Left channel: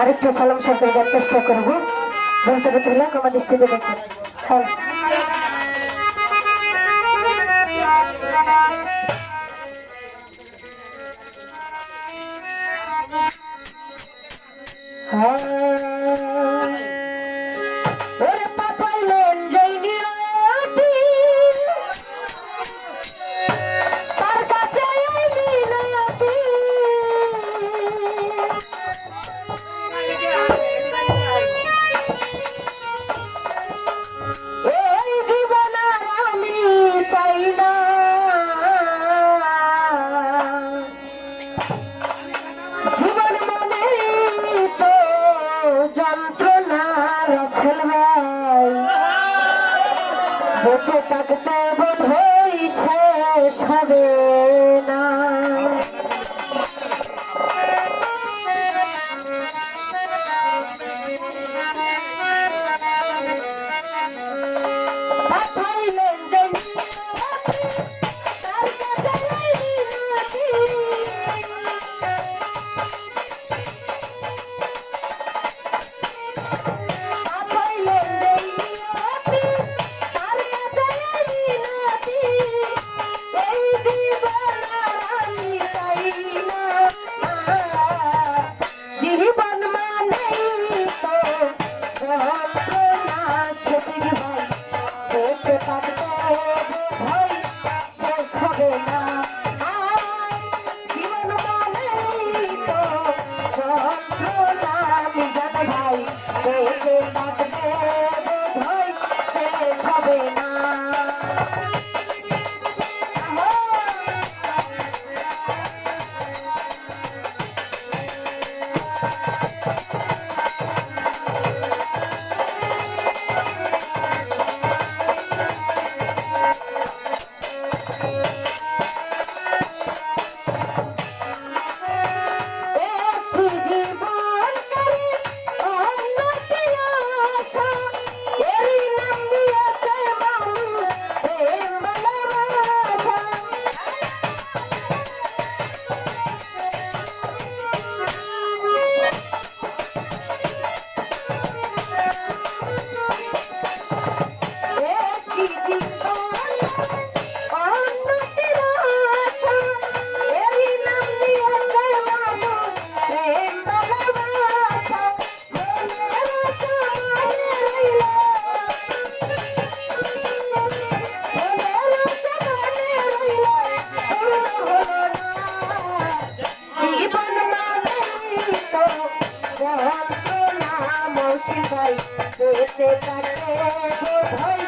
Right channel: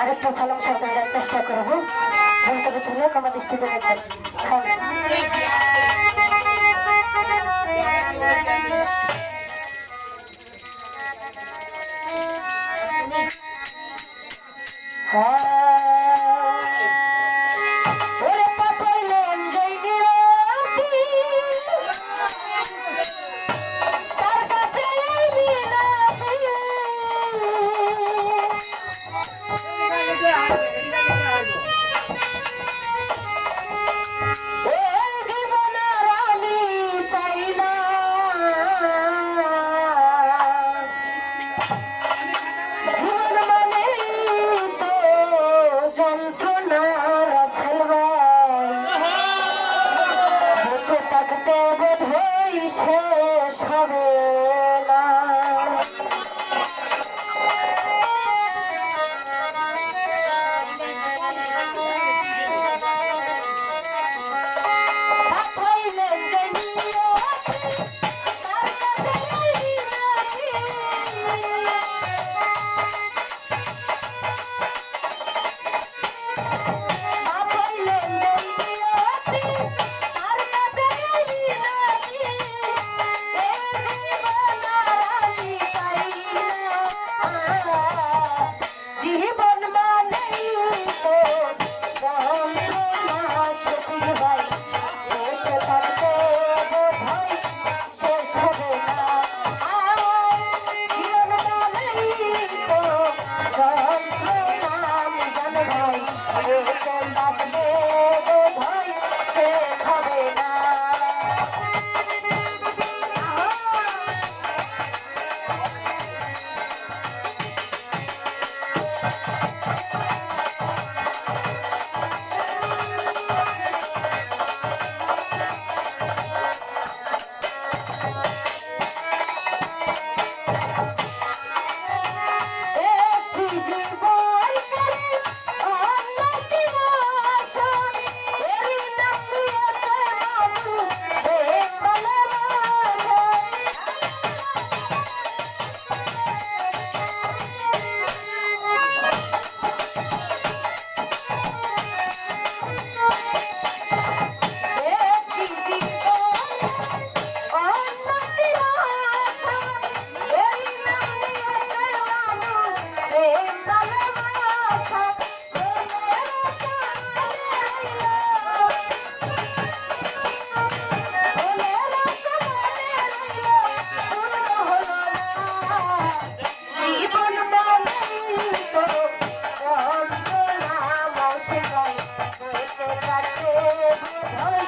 আরেকটু কলম সরকার দেওয়ার চেষ্টা করব। ভেতরে তুলে কমা দৃষ্টিতে দেখবেন। হ্যাঁ। হবে বসে যাই যেতে পারে বোধ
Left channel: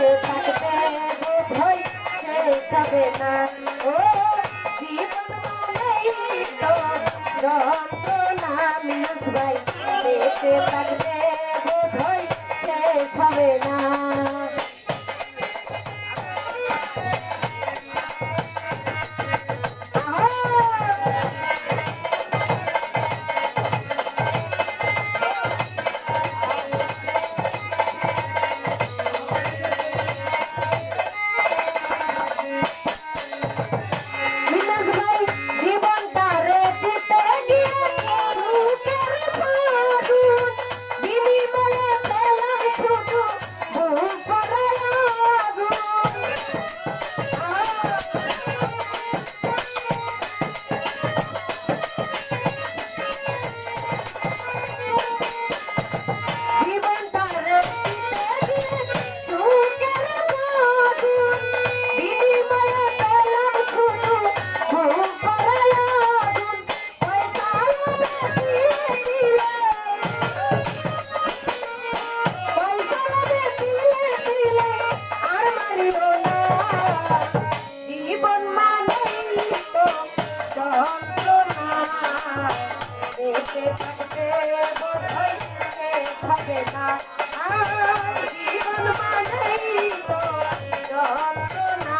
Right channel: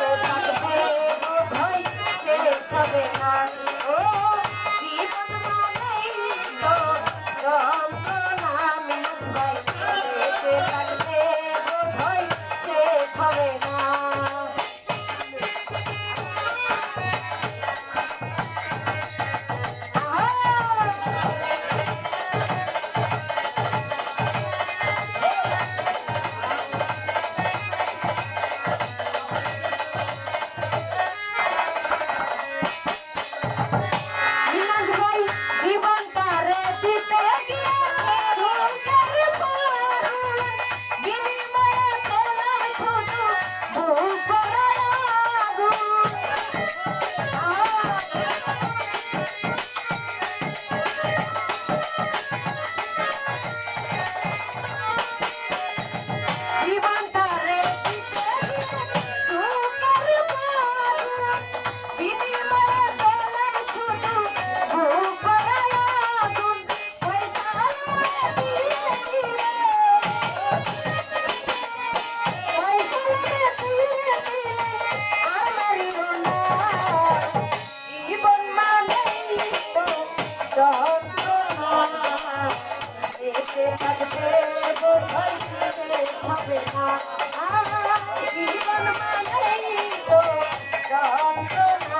সে থাকবে বোধ হয় সে সবে হবে না জীবন মানেই তো যন্ত্রণা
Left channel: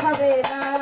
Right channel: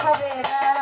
হবে না।